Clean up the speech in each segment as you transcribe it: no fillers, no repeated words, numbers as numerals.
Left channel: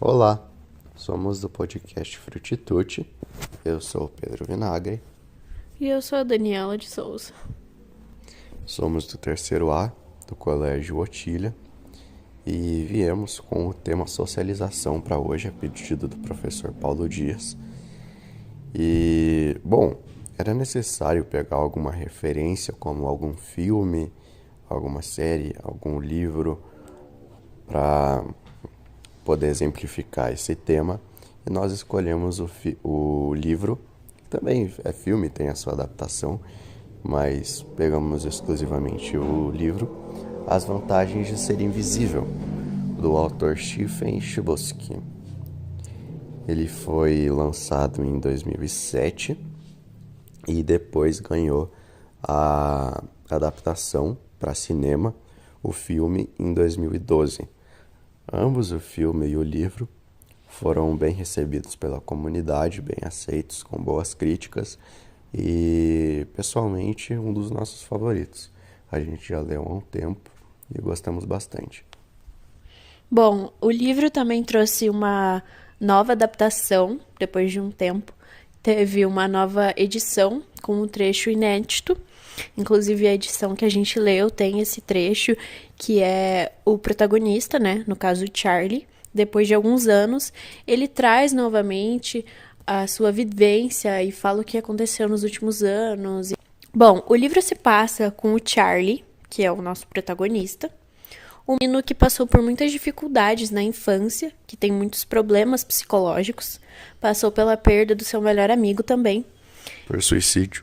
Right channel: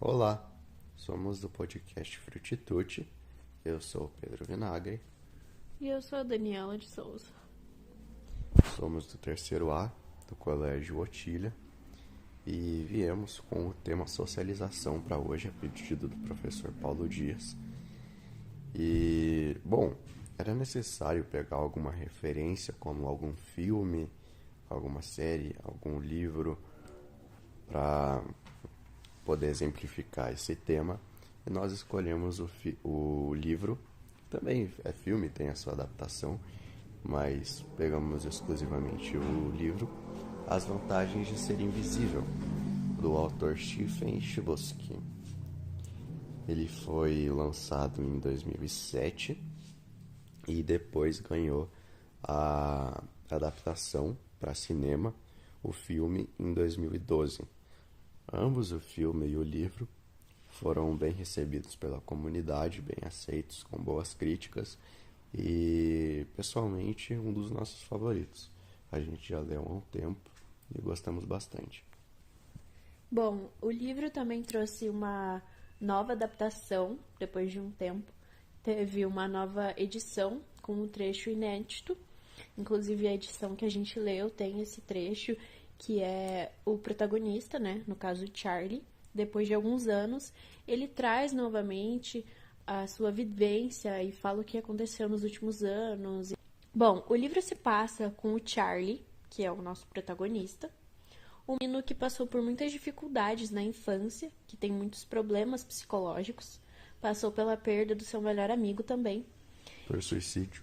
Olá, somos do podcast Frutitude. Eu sou o Pedro Vinagre. E eu sou a Daniela de Souza. Somos do terceiro A do Colégio Otília e viemos com o tema socialização para hoje, a pedido do professor Paulo Dias. Era necessário pegar alguma referência, como algum filme, alguma série, algum livro, para poder exemplificar esse tema. E nós escolhemos o livro, também é filme, tem a sua adaptação, mas pegamos exclusivamente o livro As Vantagens de Ser Invisível, do autor Stephen Chbosky. Ele foi lançado em 2007 e depois ganhou a adaptação para cinema, o filme, em 2012. Ambos, o filme e o livro, foram bem recebidos pela comunidade, bem aceitos, com boas críticas e, pessoalmente, um dos nossos favoritos. A gente já leu há um tempo e gostamos bastante. Bom, o livro também trouxe uma nova adaptação depois de um tempo. Teve uma nova edição com um trecho inédito. Inclusive, a edição que a gente leu tem esse trecho que é o protagonista, né? No caso, o Charlie. Depois de alguns anos, ele traz novamente a sua vivência e fala o que aconteceu nos últimos anos. Bom, o livro se passa com o Charlie, que é o nosso protagonista, um menino que passou por muitas dificuldades na infância, que tem muitos problemas psicológicos, passou pela perda do seu melhor amigo também, Por suicídio.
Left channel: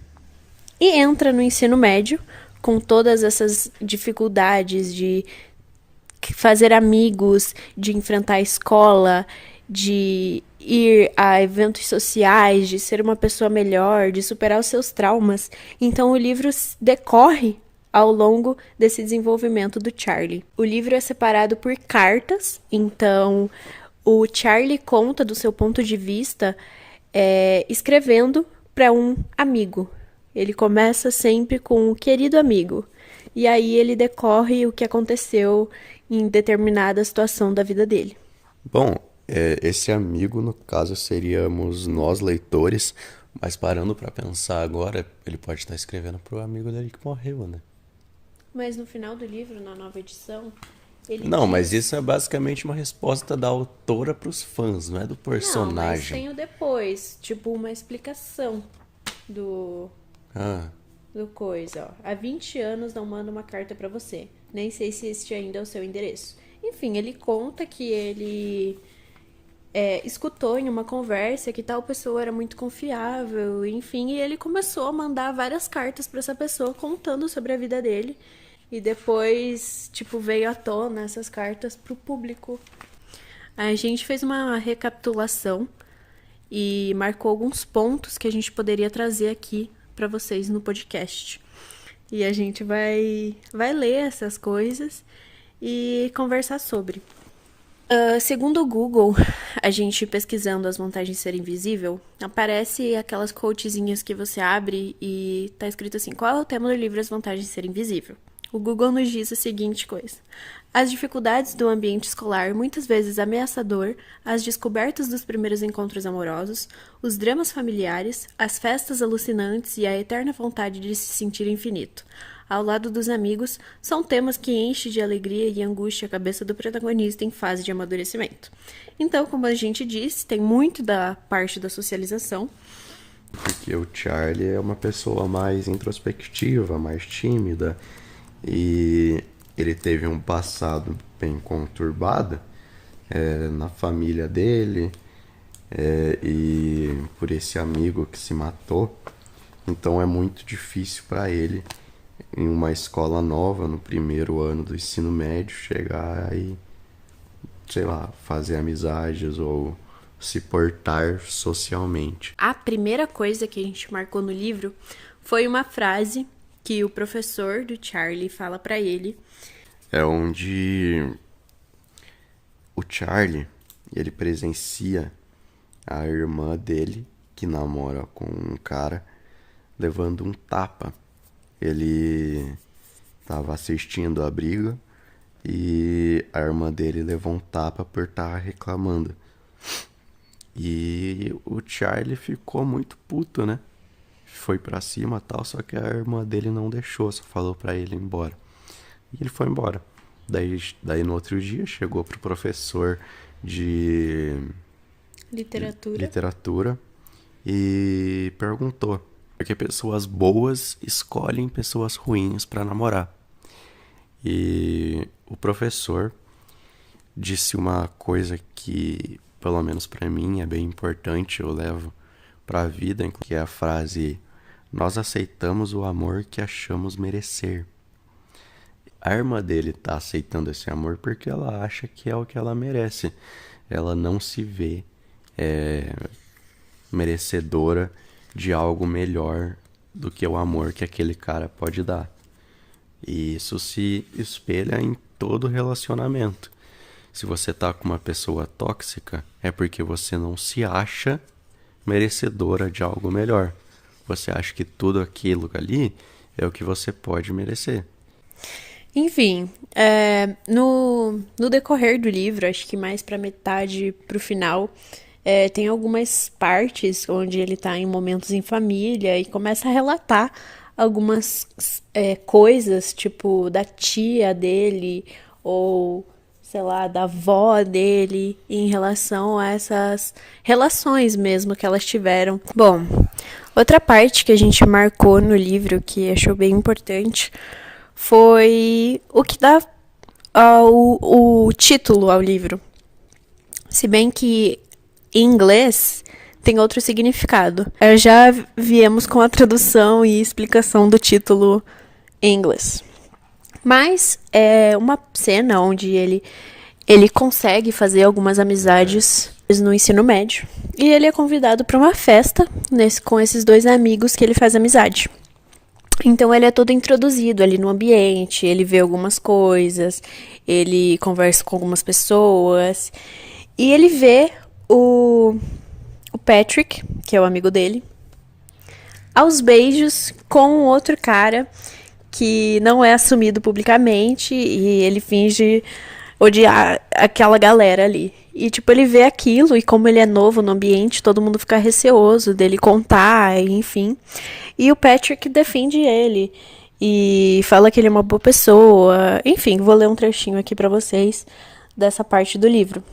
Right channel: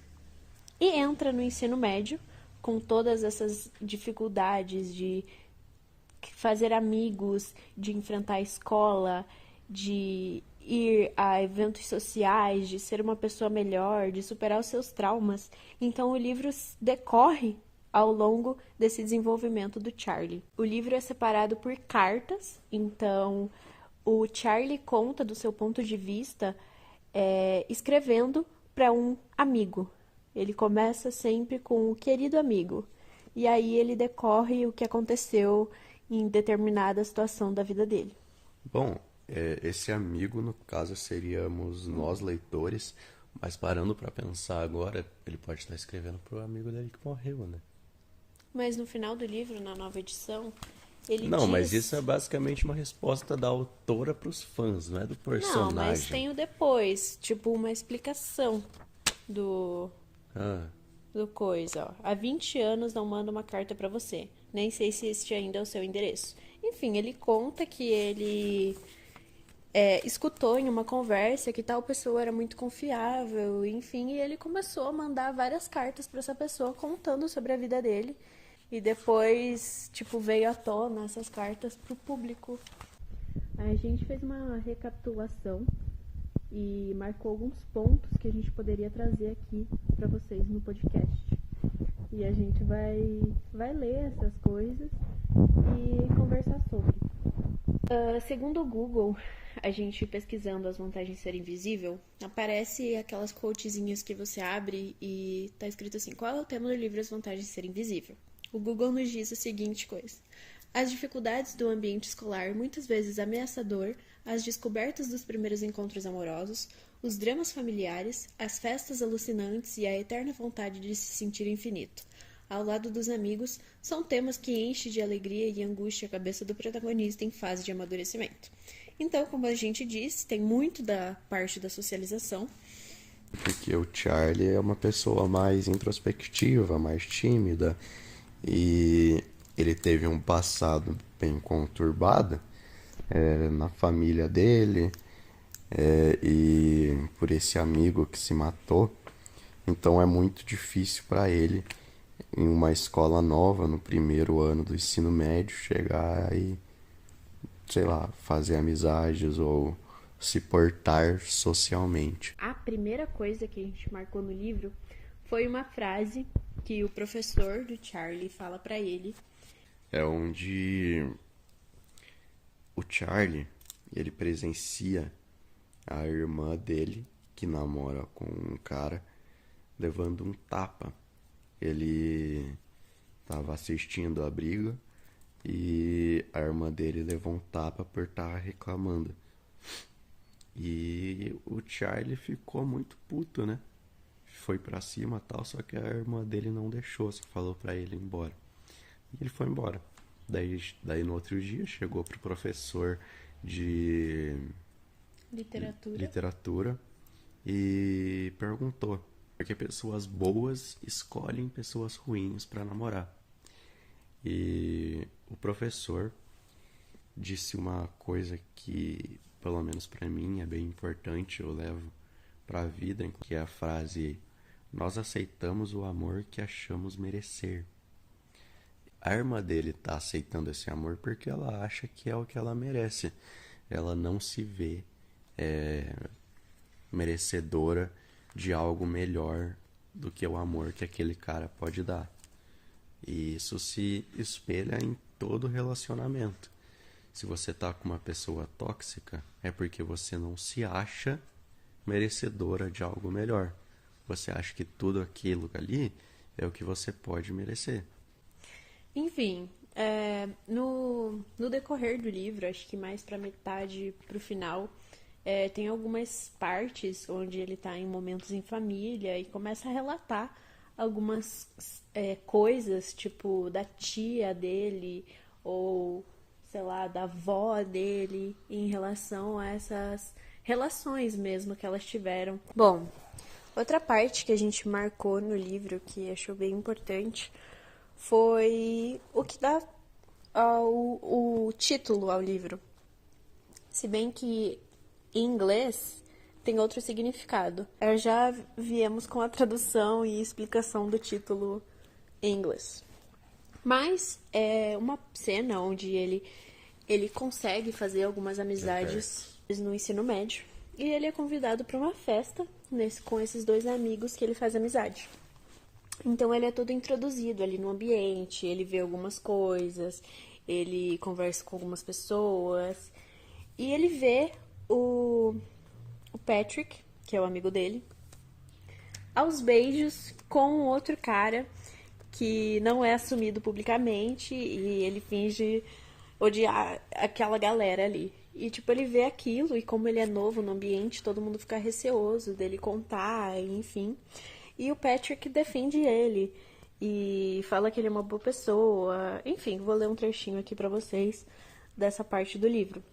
e entra no ensino médio com todas essas dificuldades de fazer amigos, de enfrentar a escola, de ir a eventos sociais, de ser uma pessoa melhor, de superar os seus traumas. Então o livro decorre ao longo desse desenvolvimento do Charlie. O livro é separado por cartas, então o Charlie conta do seu ponto de vista escrevendo para um amigo. Ele começa sempre com o querido amigo. E aí ele decorre o que aconteceu em determinada situação da vida dele. Bom, esse amigo, no caso, seríamos nós, leitores, mas parando para pensar agora, ele pode estar escrevendo pro amigo dele que morreu, né? Mas no final do livro, na nova edição, ele Não, mas diz... isso é basicamente uma resposta da autora pros fãs, não é do Não, mas personagem. tem o depois, tipo uma explicação do, Ah, do coisa, ó. Há 20 anos não mando uma carta pra você. Nem sei se este ainda é o seu endereço. Enfim, ele conta que ele escutou em uma conversa que tal pessoa era muito confiável, enfim, e ele começou a mandar várias cartas pra essa pessoa contando sobre a vida dele. E depois, tipo, veio à tona essas cartas pro público. A gente fez uma recapitulação e marcou alguns pontos que a gente poderia trazer aqui para vocês no podcast. E a gente vai ler essas coisas e conversar sobre. Segundo o Google, a gente pesquisando as vantagens de ser invisível, aparece aquelas quotezinhas que você abre e tá escrito assim: qual é o tema do livro As Vantagens de Ser Invisível? O Google nos diz a seguinte coisa: as dificuldades do ambiente escolar, muitas vezes ameaçador, as descobertas dos primeiros encontros amorosos, os dramas familiares, as festas alucinantes e a eterna vontade de se sentir infinito. Ao lado dos amigos, são temas que enchem de alegria e angústia a cabeça do protagonista em fase de amadurecimento. Então, como a gente disse, tem muito da parte da socialização. porque o Charlie é uma pessoa mais introspectiva, mais tímida, e ele teve um passado bem conturbado na família dele, e por esse amigo que se matou. Então é muito difícil para ele, em uma escola nova, no primeiro ano do ensino médio, chegar e, sei lá, fazer amizades ou se portar socialmente. A primeira coisa que a gente marcou no livro foi uma frase que o professor do Charlie fala pra ele. É onde o Charlie, ele presencia a irmã dele, que namora com um cara, levando um tapa. Ele estava assistindo a briga e a irmã dele levou um tapa por estar reclamando. E o Charlie ficou muito puto, né? Foi pra cima e tal, só que a irmã dele não deixou, só falou pra ele ir embora. E ele foi embora. Daí no outro dia chegou pro professor de Literatura. literatura e perguntou por que pessoas boas escolhem pessoas ruins pra namorar. E o professor disse uma coisa que, pelo menos pra mim, é bem importante, eu levo pra vida, que é a frase: nós aceitamos o amor que achamos merecer. A irmã dele tá aceitando esse amor porque ela acha que é o que ela merece. Ela não se vê merecedora de algo melhor do que o amor que aquele cara pode dar. E isso se espelha em todo relacionamento. Se você tá com uma pessoa tóxica, é porque você não se acha merecedora de algo melhor. Você acha que tudo aquilo ali é o que você pode merecer. Enfim, no decorrer do livro, acho que mais pra metade pro final, tem algumas partes onde ele tá em momentos em família e começa a relatar algumas coisas, tipo da tia dele ou sei lá, da avó dele em relação a essas relações mesmo que elas tiveram. Bom, outra parte que a gente marcou no livro que achou bem importante foi o que dá o título ao livro. Se bem que em inglês tem outro significado. Já viemos com a tradução e explicação do título em inglês. Mas é uma cena onde ele consegue fazer algumas amizades no ensino médio. E ele é convidado para uma festa com esses dois amigos que ele faz amizade. Então ele é todo introduzido ali no ambiente, ele vê algumas coisas, ele conversa com algumas pessoas. E ele vê o Patrick, que é o amigo dele, aos beijos com um outro cara que não é assumido publicamente e ele finge odiar aquela galera ali. E, tipo, ele vê aquilo e como ele é novo no ambiente, todo mundo fica receoso dele contar, enfim. E o Patrick defende ele e fala que ele é uma boa pessoa. Enfim, vou ler um trechinho aqui pra vocês dessa parte do livro.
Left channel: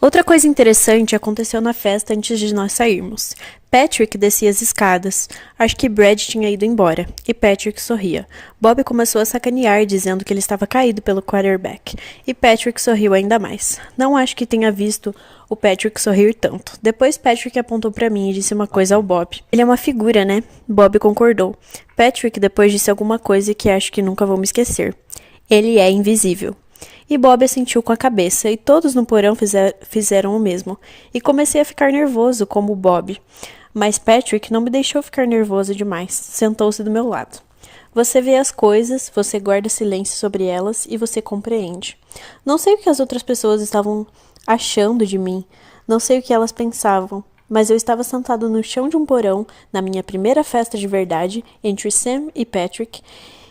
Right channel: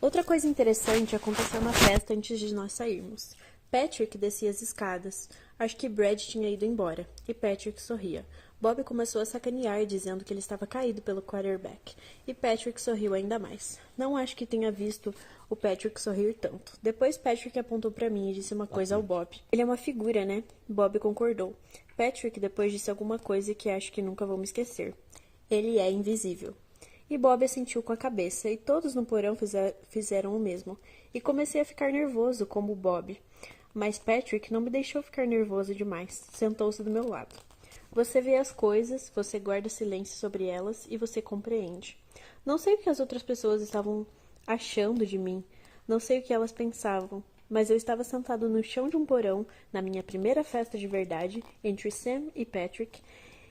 Outra coisa interessante aconteceu na festa antes de nós sairmos. Patrick descia as escadas. Acho que Brad tinha ido embora. E Patrick sorria. Bob começou a sacanear, dizendo que ele estava caído pelo quarterback. E Patrick sorriu ainda mais. Não acho que tenha visto o Patrick sorrir tanto. Depois Patrick apontou para mim e disse uma coisa ao Bob. Ele é uma figura, né? Bob concordou. Patrick depois disse alguma coisa que acho que nunca vou me esquecer. Ele é invisível. E Bob assentiu com a cabeça, e todos no porão fizeram o mesmo. E comecei a ficar nervoso, como o Bob. Mas Patrick não me deixou ficar nervoso demais. Sentou-se do meu lado. Você vê as coisas, você guarda silêncio sobre elas e você compreende. Não sei o que as outras pessoas estavam achando de mim. Não sei o que elas pensavam. Mas eu estava sentado no chão de um porão, na minha primeira festa de verdade, entre Sam e Patrick.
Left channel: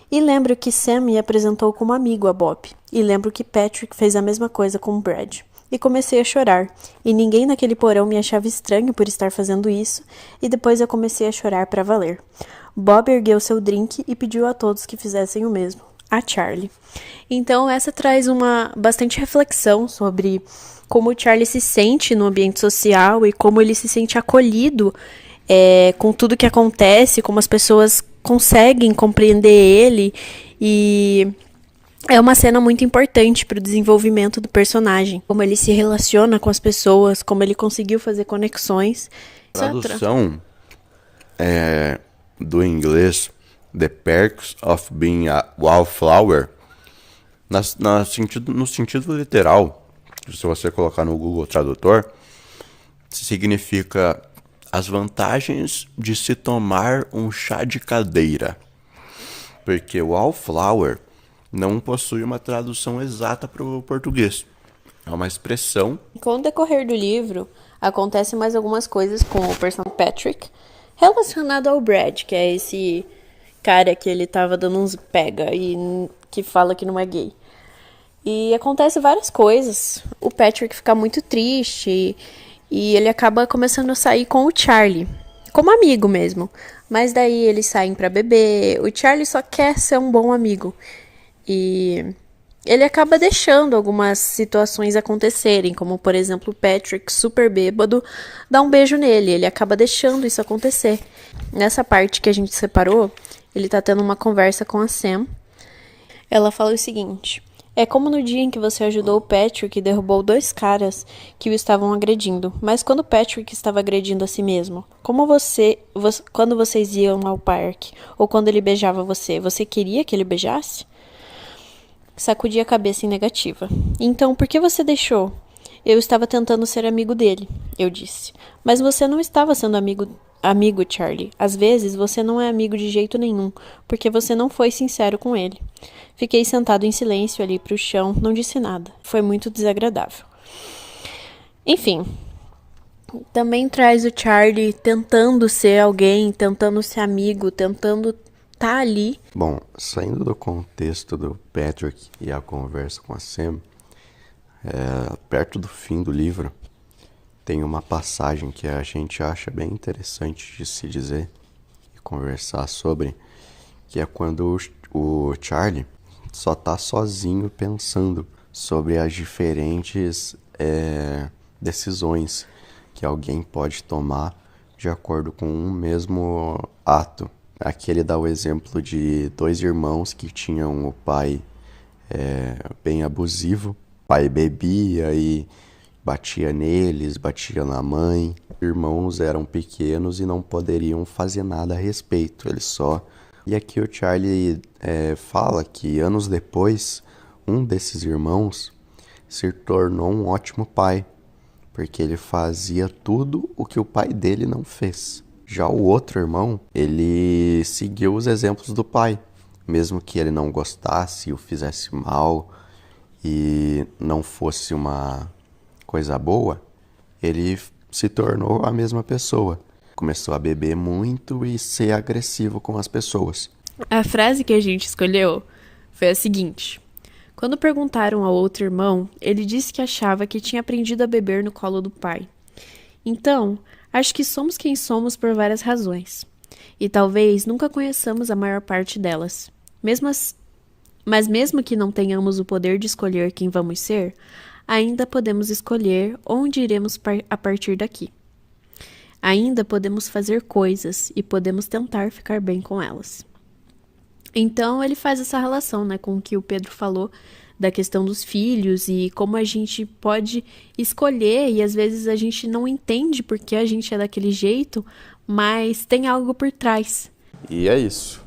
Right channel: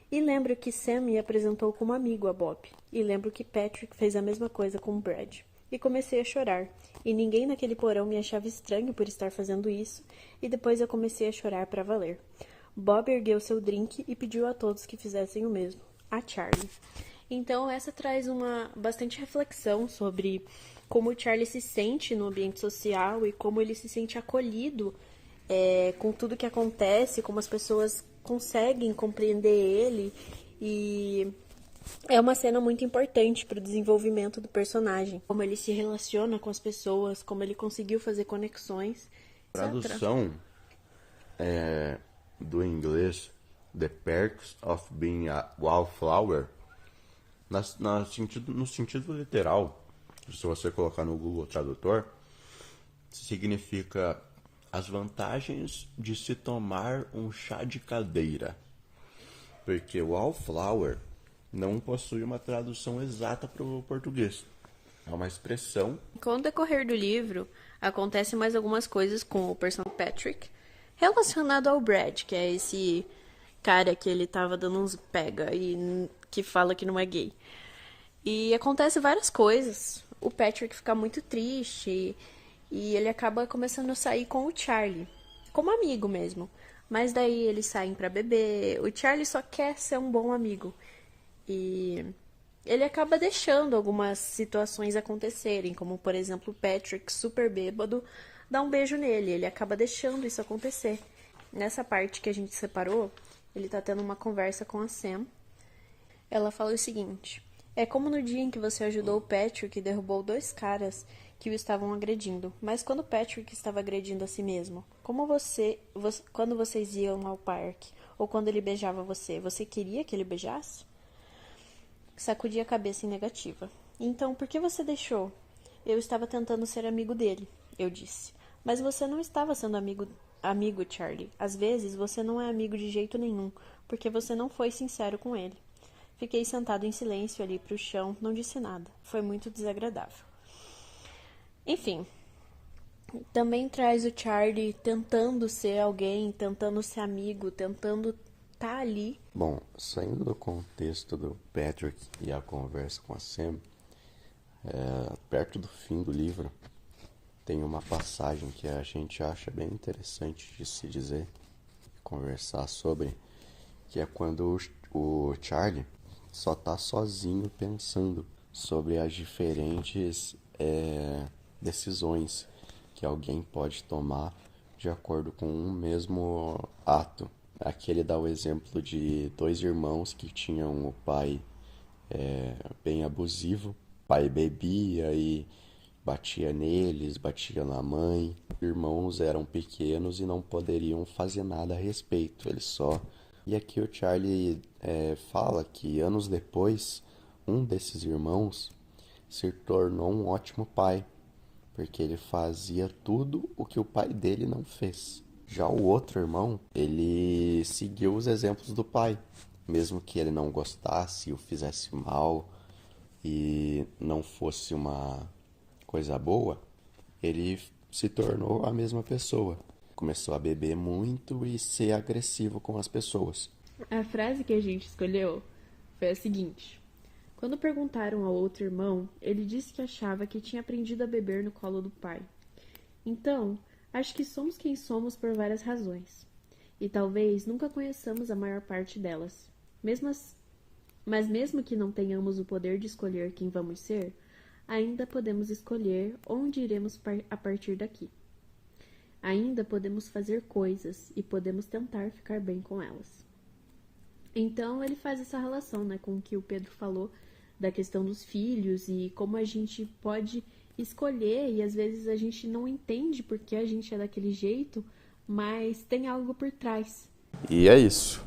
E lembro que Sam me apresentou como amigo a Bob. E lembro que Patrick fez a mesma coisa com Brad. E comecei a chorar. E ninguém naquele porão me achava estranho por estar fazendo isso. E depois eu comecei a chorar para valer. Bob ergueu seu drink e pediu a todos que fizessem o mesmo. A Charlie. Então essa traz uma bastante reflexão sobre como o Charlie se sente no ambiente social e como ele se sente acolhido com tudo que acontece, como as pessoas conseguem compreender ele, e é uma cena muito importante para o desenvolvimento do personagem, como ele se relaciona com as pessoas, como ele conseguiu fazer conexões. Tradução do inglês The Perks of Being a Wallflower, no sentido literal, se você colocar no Google Tradutor, significa as vantagens de se tomar um chá de cadeira. Porque wallflower não possui uma tradução exata para o português. É uma expressão. Com o decorrer do livro, acontecem mais algumas coisas com o personagem Patrick relacionado ao Brad, que é esse cara que ele tava dando uns pega e que fala que não é gay. E acontece várias coisas. O Patrick fica muito triste E ele acaba começando a sair com o Charlie, como amigo mesmo. Mas daí eles saem pra beber. O Charlie só quer ser um bom amigo. E ele acaba deixando algumas situações acontecerem, como por exemplo o Patrick, super bêbado, dá um beijo nele. Ele acaba deixando isso acontecer. Nessa parte que a gente separou, ele tá tendo uma conversa com a Sam. Ela fala o seguinte: é como no dia em que você ajudou o Patrick e derrubou 2 caras que o estavam agredindo. Mas quando o Patrick estava agredindo a si mesmo, quando vocês iam ao parque, ou quando ele beijava você, você queria que ele beijasse? Sacudi a cabeça em negativa. Então, por que você deixou? Eu estava tentando ser amigo dele, eu disse. Mas você não estava sendo amigo, Charlie. Às vezes você não é amigo de jeito nenhum, porque você não foi sincero com ele. Fiquei sentado em silêncio ali pro chão, não disse nada. Foi muito desagradável. Enfim, também traz o Charlie tentando ser alguém, tentando ser amigo, tentando tá ali. Bom, saindo do contexto do Patrick e a conversa com a Sam, perto do fim do livro, tem uma passagem que a gente acha bem interessante de se dizer e conversar sobre, que é quando o Charlie só tá sozinho pensando sobre as diferentes decisões que alguém pode tomar de acordo com um mesmo ato. Aqui ele dá o exemplo de 2 irmãos que tinham o pai bem abusivo. O pai bebia e batia neles, batia na mãe. Irmãos eram pequenos e não poderiam fazer nada a respeito, eles só... E aqui o Charlie fala que anos depois, um desses irmãos se tornou um ótimo pai, porque ele fazia tudo o que o pai dele não fez. Já o outro irmão, ele seguiu os exemplos do pai, mesmo que ele não gostasse, o fizesse mal e não fosse uma coisa boa, ele se tornou a mesma pessoa. Começou a beber muito e ser agressivo com as pessoas. A frase que a gente escolheu foi a seguinte: quando perguntaram ao outro irmão, ele disse que achava que tinha aprendido a beber no colo do pai. Então, acho que somos quem somos por várias razões. E talvez nunca conheçamos a maior parte delas. Mas mesmo que não tenhamos o poder de escolher quem vamos ser, ainda podemos escolher onde iremos a partir daqui. Ainda podemos fazer coisas e podemos tentar ficar bem com elas. Então ele faz essa relação, né, com o que o Pedro falou da questão dos filhos e como a gente pode escolher e às vezes a gente não entende porque a gente é daquele jeito, mas tem algo por trás. E é isso.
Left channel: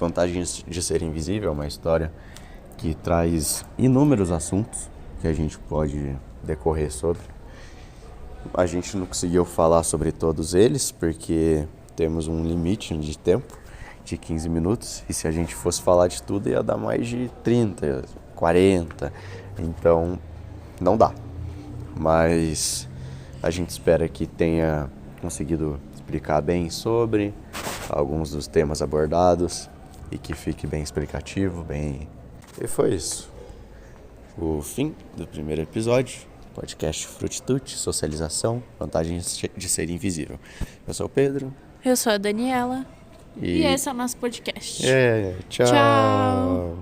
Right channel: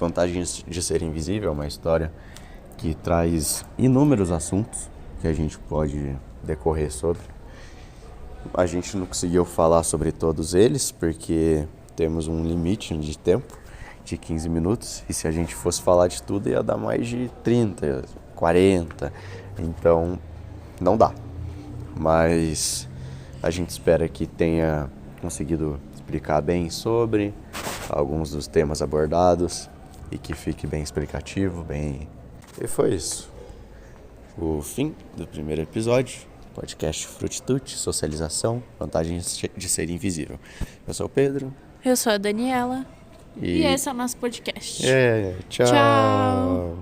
Vantagens de Ser Invisível é uma história que traz inúmeros assuntos que a gente pode decorrer sobre. A gente não conseguiu falar sobre todos eles porque temos um limite de tempo de 15 minutos e se a gente fosse falar de tudo ia dar mais de 30, 40, então não dá. Mas a gente espera que tenha conseguido explicar bem sobre alguns dos temas abordados e que fique bem explicativo, bem... E foi isso. O fim do primeiro episódio. Podcast Frutitude, socialização, vantagens de ser invisível. Eu sou o Pedro. Eu sou a Daniela. E esse é o nosso podcast. Tchau. Tchau.